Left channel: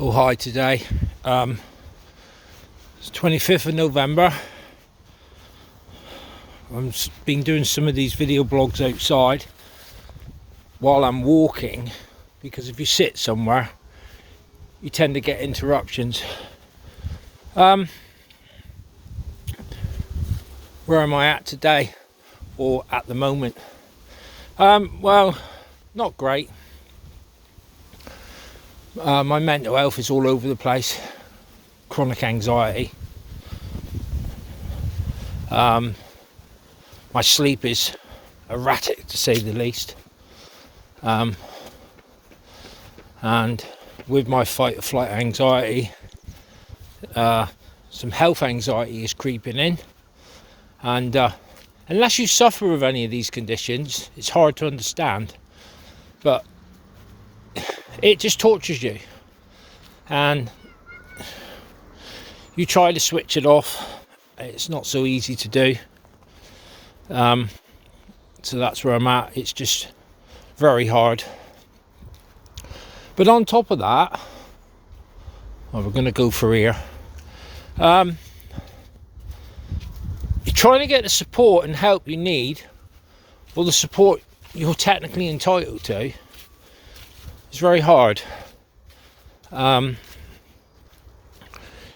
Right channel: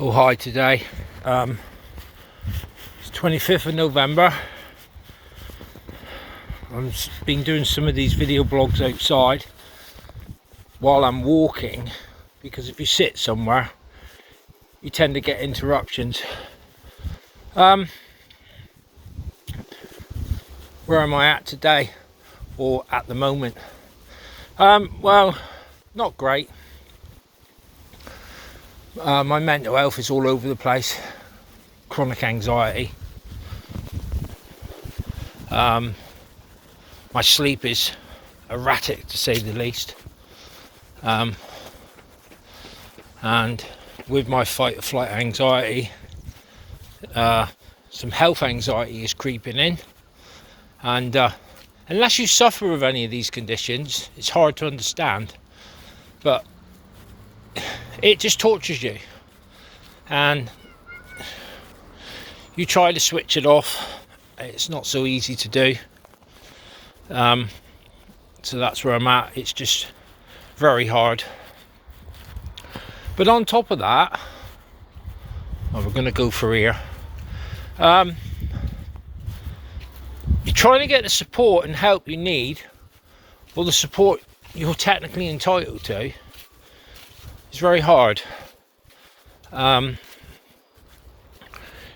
Oh hi, today it's 25th of November. I've been doing some of these video blogs outside while I'm walking, because if you sit somewhere you tend to get interruptions. Where am I at today, or at the moment? Well, not great. My mental health is all over the place. Chronic anxiety. My sleep is erratic, to say the least. And with my fight or flight anxiety, some health anxiety is creeping in. And unless you suffer with any of these conditions, it's hard to understand. But it just tortures you, and you try to switch it off. It's not so easy to do. So that's where I'm at. It's just very hard. But on top of that, well, we're going to go for here. You're trying to get the support and help you need, or the support you're technically entitled to. It's very hard. I'm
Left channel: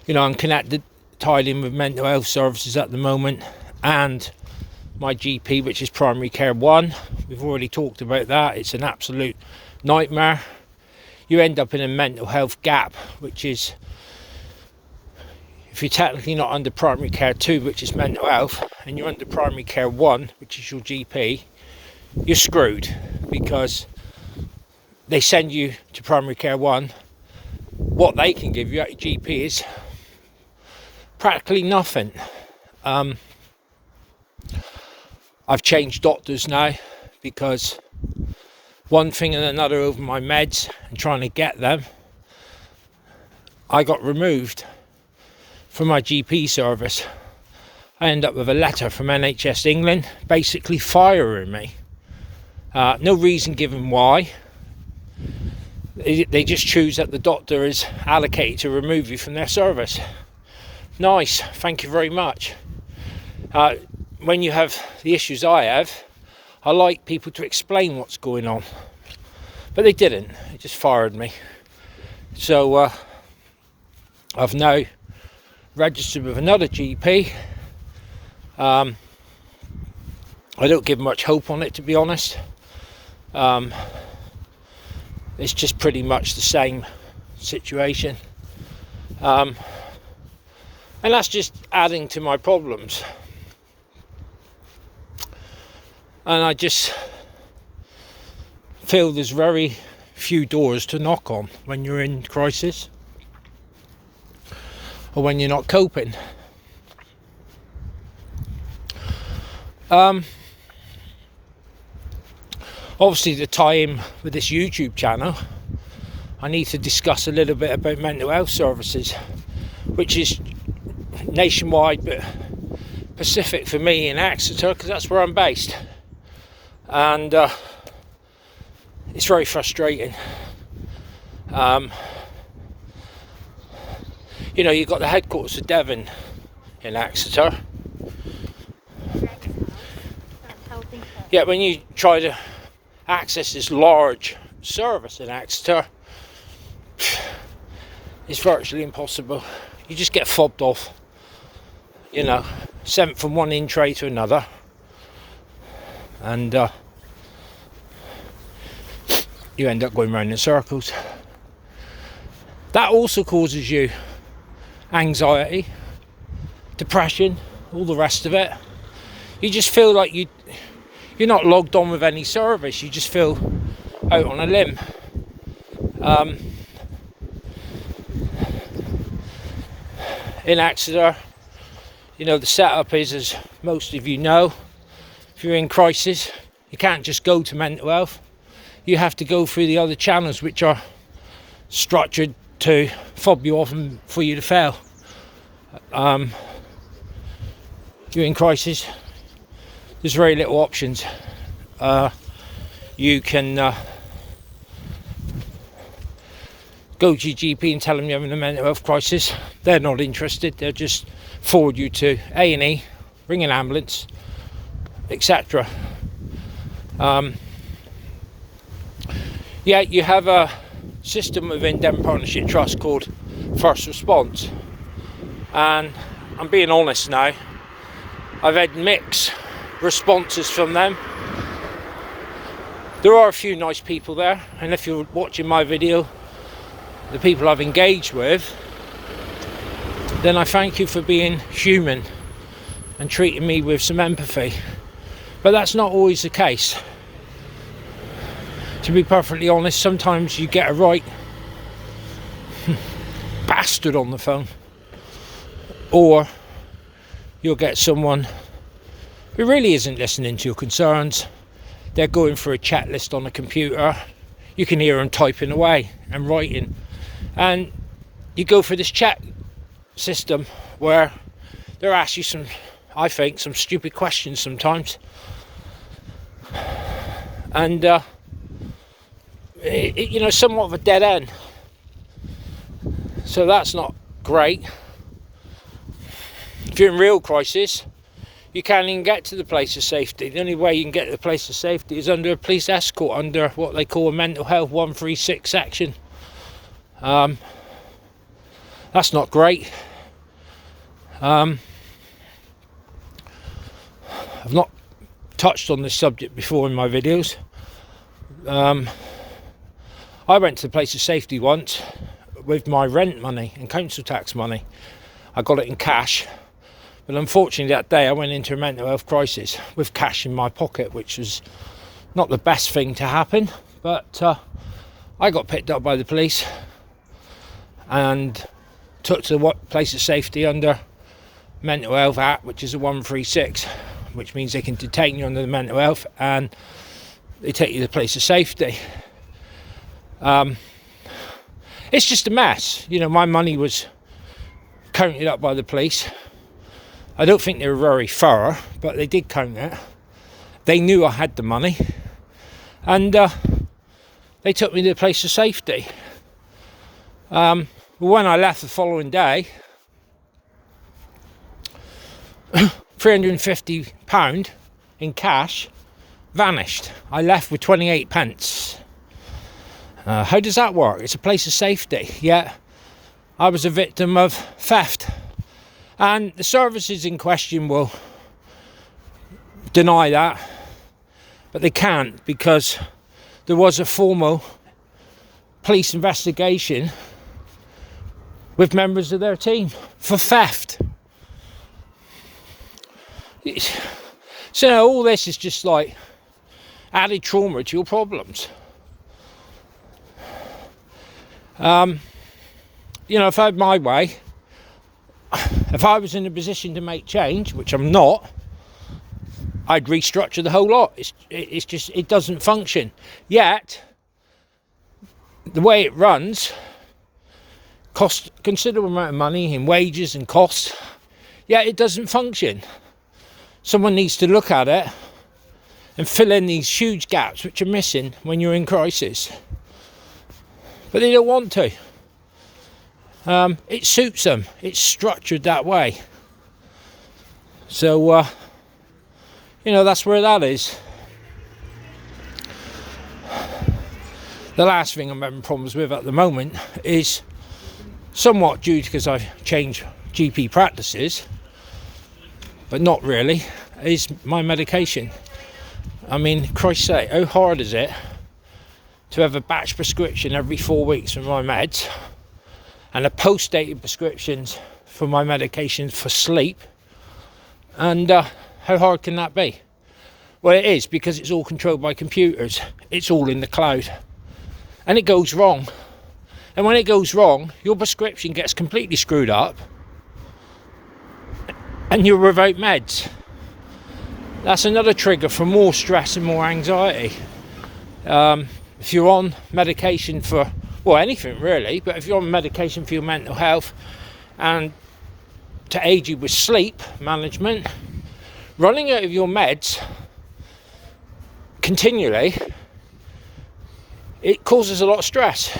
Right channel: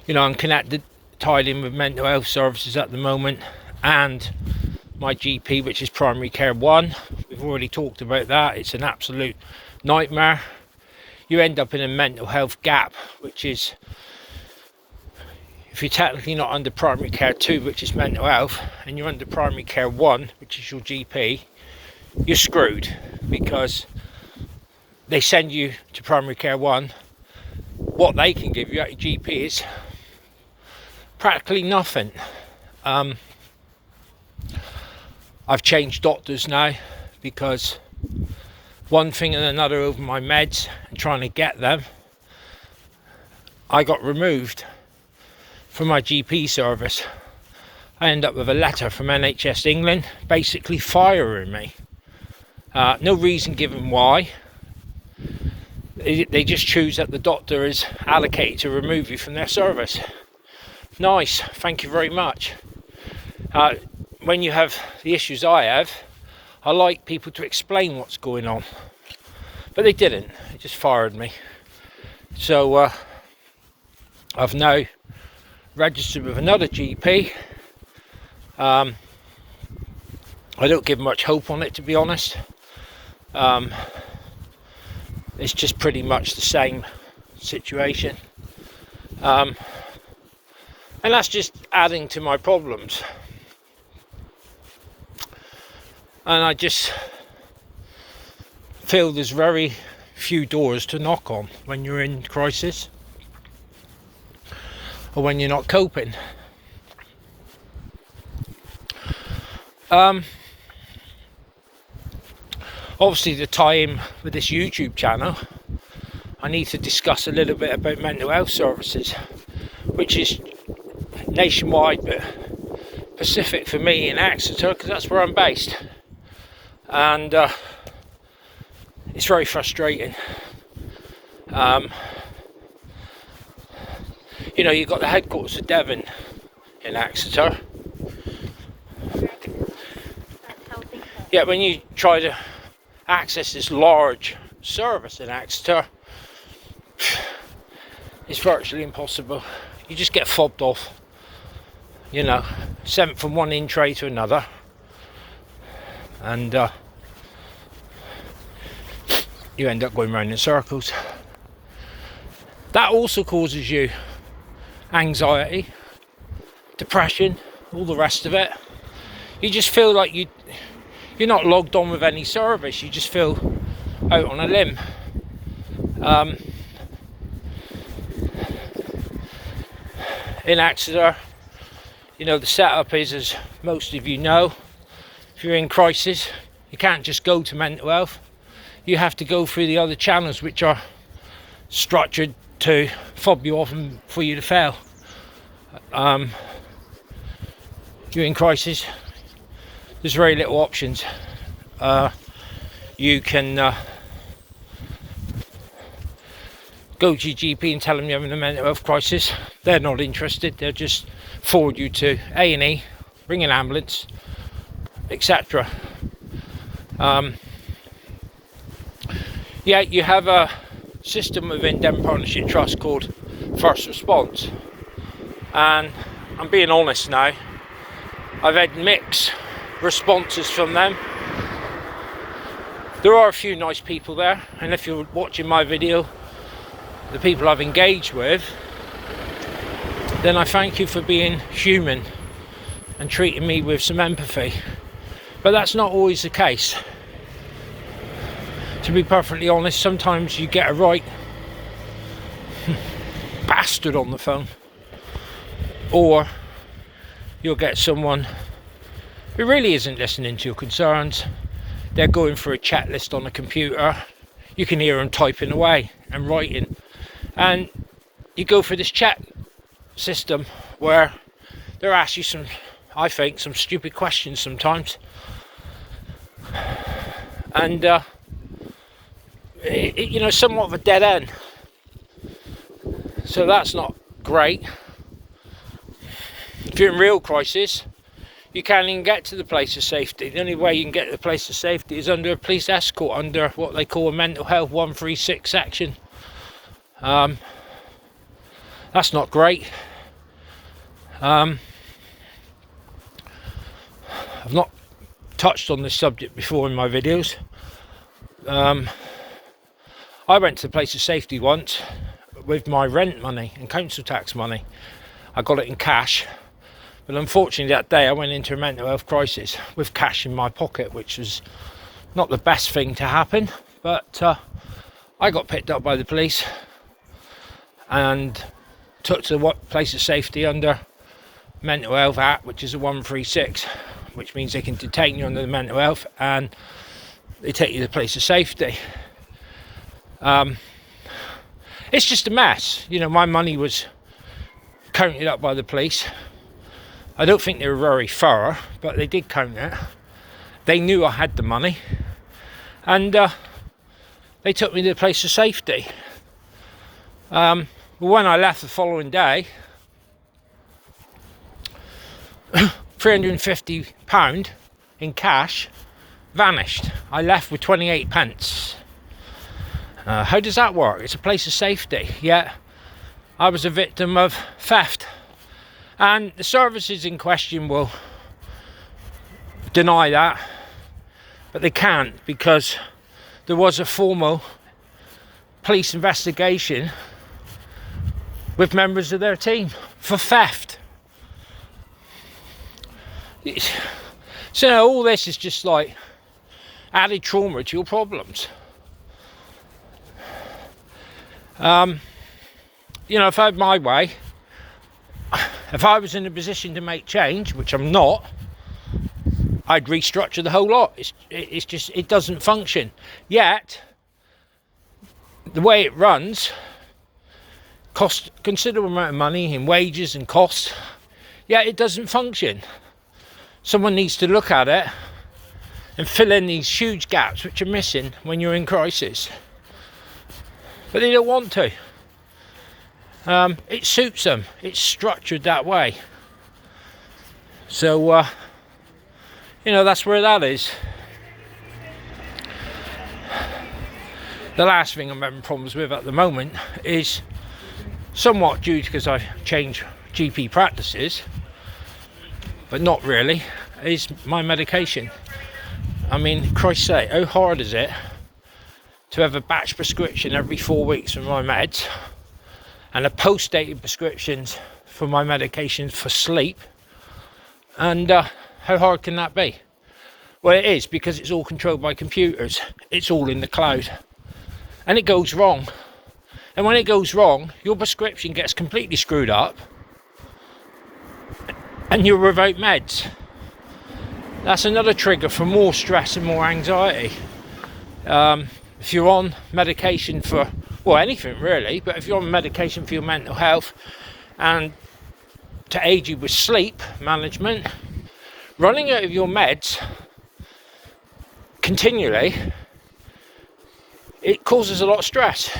connected, tied in with mental health services at the moment, and my GP, which is Primary Care 1. We've already talked about that. It's an absolute nightmare. You end up in a mental health gap, which is, if you're technically not under Primary Care 2, which is mental health, and you're under Primary Care 1, which is your GP, you're screwed, because they send you to Primary Care 1. What they can give you at your GP is practically nothing. I've changed doctors now, because one thing and another over my meds and trying to get them, I got removed from my GP service. I end up with a letter from NHS England basically firing me. No reason given why. They just choose that the doctor is allocated to remove you from their service. Nice, thank you very much. When you have the issues I have, I like people to explain what's going on. But they didn't, they just fired me. So I've now registered with another GP. I don't give much hope on it, to be honest. It's just pretty much the same situation. And that's just adding to my problems. And I just feel there's very few doors to knock on when you're in crisis, or when you're not coping. Obviously, to tie in with this YouTube channel, I need to discuss a little bit about mental health services, which is nationwide but specific for me in Exeter, because that's where I'm based. And it's very frustrating. You've got the headquarters of Devon in Exeter. Yeah, when you try to access this large service in Exeter, it's virtually impossible. You just get fobbed off, sent from one in tray to another, and you end up going round in circles. That also causes you anxiety, depression, all the rest of it. You just feel like you're not logged on with any service. You just feel out on a limb. In Exeter, the setup is, as most of you know, if you're in crisis, you can't just go to mental health. You have to go through the other channels, which are structured to fob you off and for you to fail. If you're in crisis, there's very little options. You can go to your GP and tell them you're having a mental health crisis. They're not interested. They'll just forward you to A&E, ring an ambulance, etc. Yeah, you have a system within Devon Partnership Trust called First Response, and I'm being honest now, I've had mixed responses from them. There are a few nice people there, and if you're watching my video, the people I've engaged with, then I thank you for being human and treating me with some empathy. But that's not always the case. To be perfectly honest, sometimes you get a right bastard on the phone, or you'll get someone who really isn't listening to your concerns. They're going through a checklist on a computer. You can hear them typing away and writing, and you go for this chat system where they're asking you some, I think, some stupid questions sometimes, and somewhat of a dead end. So that's not great. If you're in real crisis, you can't even get to the place of safety. The only way you can get to the place of safety is under a police escort, under what they call a mental health 136 section. That's not great. I've not touched on this subject before in my videos. I went to the place of safety once with my rent money and council tax money. I got it in cash, but unfortunately that day I went into a mental health crisis with cash in my pocket, which was not the best thing to happen. But I got picked up by the police and took to the place of safety under Mental Health Act, which is a 136, which means they can detain you under the mental health and they take you to the place of safety. It's just a mess. My money was counted up by the police. I don't think they were very thorough, but they did count it. They knew I had the money, and they took me to the place of safety. But when I left the following day, £350 in cash vanished. I left with 28 pence. How does that work? It's a place of safety, yet I was a victim of theft. And the services in question will deny that, but they can't, because there was a formal police investigation with members of their team for theft. So all this is just like added trauma to your problems. If I had my way, if I was in a position to make change, which I'm not, I'd restructure the whole lot. It's just, it doesn't function. Yet, the way it runs costs a considerable amount of money in wages and costs, yet it doesn't function. Someone needs to look at it and fill in these huge gaps which are missing when you're in crisis. But they don't want to. It suits them. It's structured that way. So, that's where that is. The last thing I'm having problems with at the moment is somewhat due because I've changed GP practices, but not really, is my medication. I mean, Christ's sake, how hard is it to have a batch prescription every 4 weeks for my meds and a post-dated prescriptions for my medications for sleep? And how hard can that be? Well, it is, because it's all controlled by computers. It's all in the cloud. And it goes wrong. And when it goes wrong, your prescription gets completely screwed up and you're without meds. That's another trigger for more stress and more anxiety. If you're on medication for, well, anything really, but if you're on medication for your mental health and to aid you with sleep management, running out of your meds continually, it causes a lot of stress.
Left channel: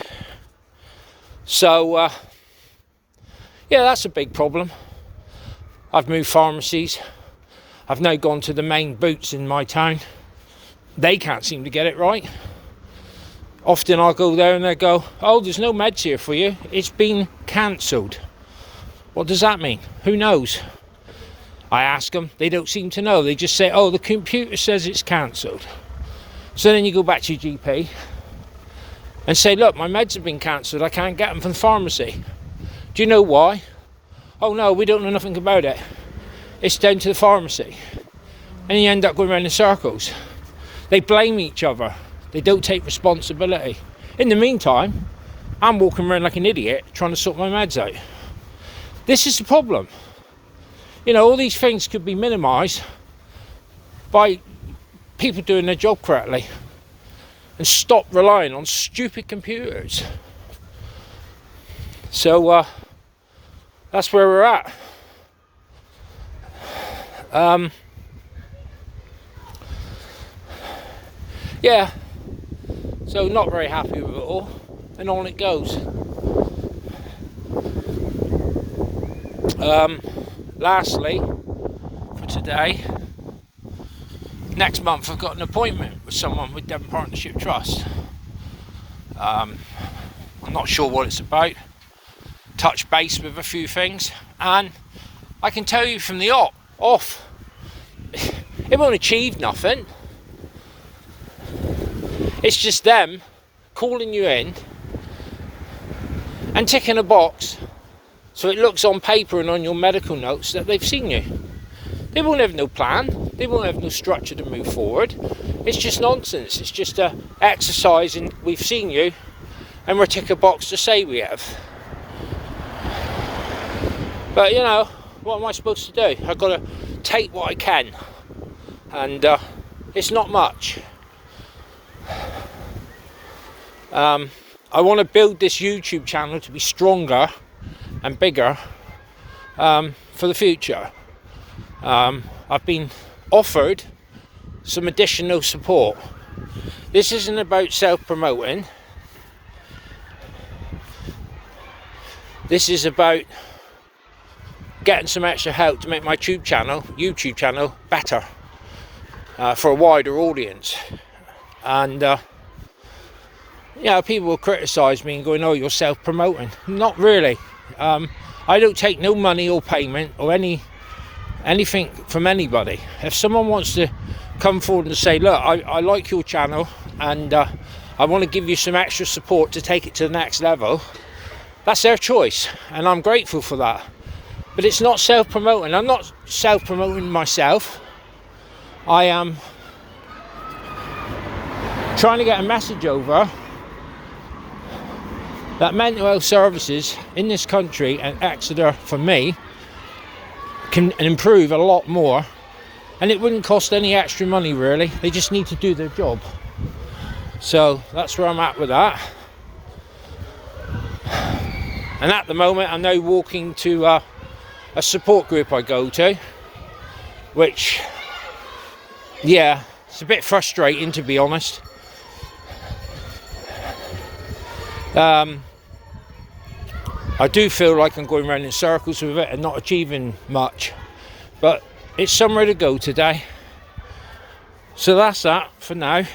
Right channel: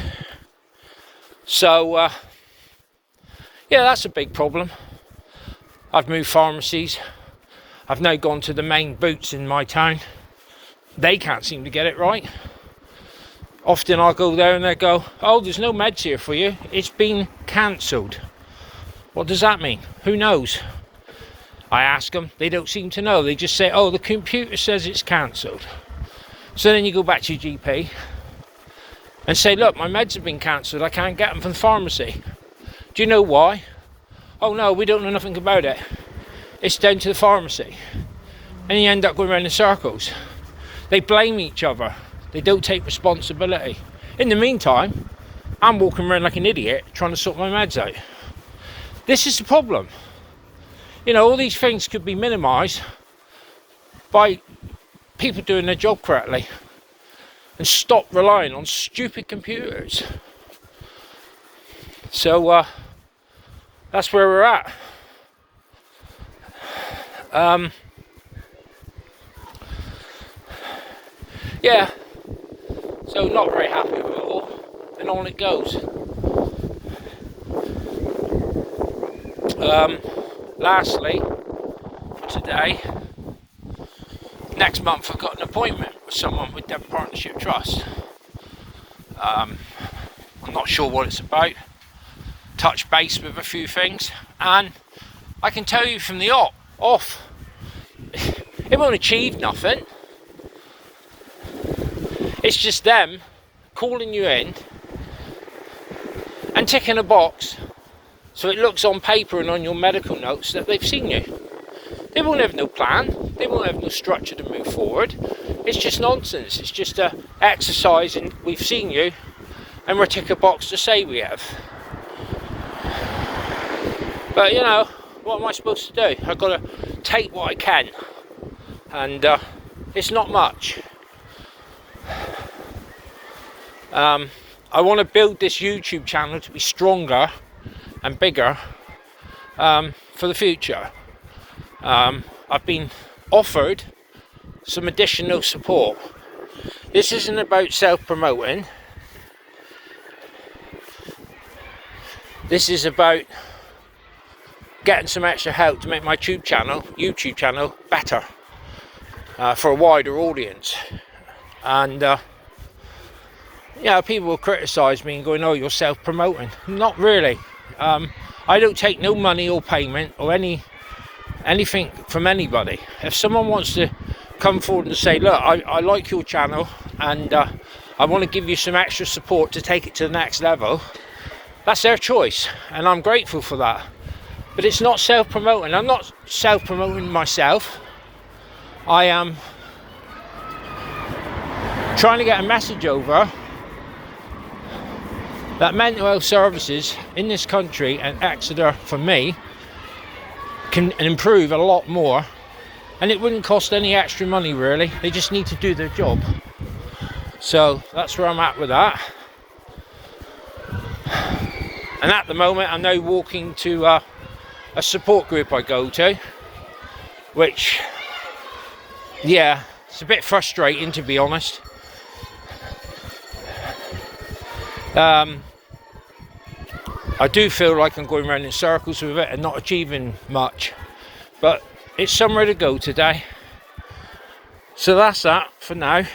So yeah, that's a big problem. I've moved pharmacies. I've now gone to the main Boots in my town. They can't seem to get it right. Often I'll go there and they go, oh, there's no meds here for you. It's been cancelled. What does that mean? Who knows? I ask them, they don't seem to know. They just say, oh, the computer says it's cancelled. So then you go back to your GP and say, look, my meds have been cancelled. I can't get them from the pharmacy. Do you know why? Oh no, we don't know nothing about it. It's down to the pharmacy. And you end up going around in circles. They blame each other. They don't take responsibility. In the meantime, I'm walking around like an idiot trying to sort my meds out. This is the problem. You know, all these things could be minimised by people doing their job correctly and stop relying on stupid computers. So that's where we're at. Yeah, so not very happy with it all, and on it goes. Lastly, for today, next month I've got an appointment with someone with Devon Partnership Trust. I'm not sure what it's about. Touch base with a few things, and I can tell you from the off, it won't achieve nothing. It's just them calling you in and ticking a box so it looks on paper and on your medical notes that they've seen you. They won't have no plan. They won't have no structure to move forward. It's just nonsense. It's just a exercise in we've seen you and we'll tick a box to say we have. But you know, what am I supposed to do? I've got to take what I can, and it's not much. I want to build this YouTube channel to be stronger and bigger for the future. I've been offered some additional support. This isn't about self-promoting. This is about getting some extra help to make my YouTube channel better for a wider audience. And you know, people will criticise me and going, oh, you're self-promoting. Not really. I don't take no money or payment or anything from anybody. If someone wants to come forward and say, look, I like your channel and I want to give you some extra support to take it to the next level, that's their choice, and I'm grateful for that. But it's not self-promoting. I'm not self-promoting myself. I am trying to get a message over that mental health services in this country and Exeter, for me, can improve a lot more, and it wouldn't cost any extra money really. They just need to do their job. So that's where I'm at with that. And at the moment I'm now walking to a support group I go to, which, yeah, it's a bit frustrating to be honest. I do feel like I'm going around in circles with it and not achieving much, but it's somewhere to go today. So that's that for now.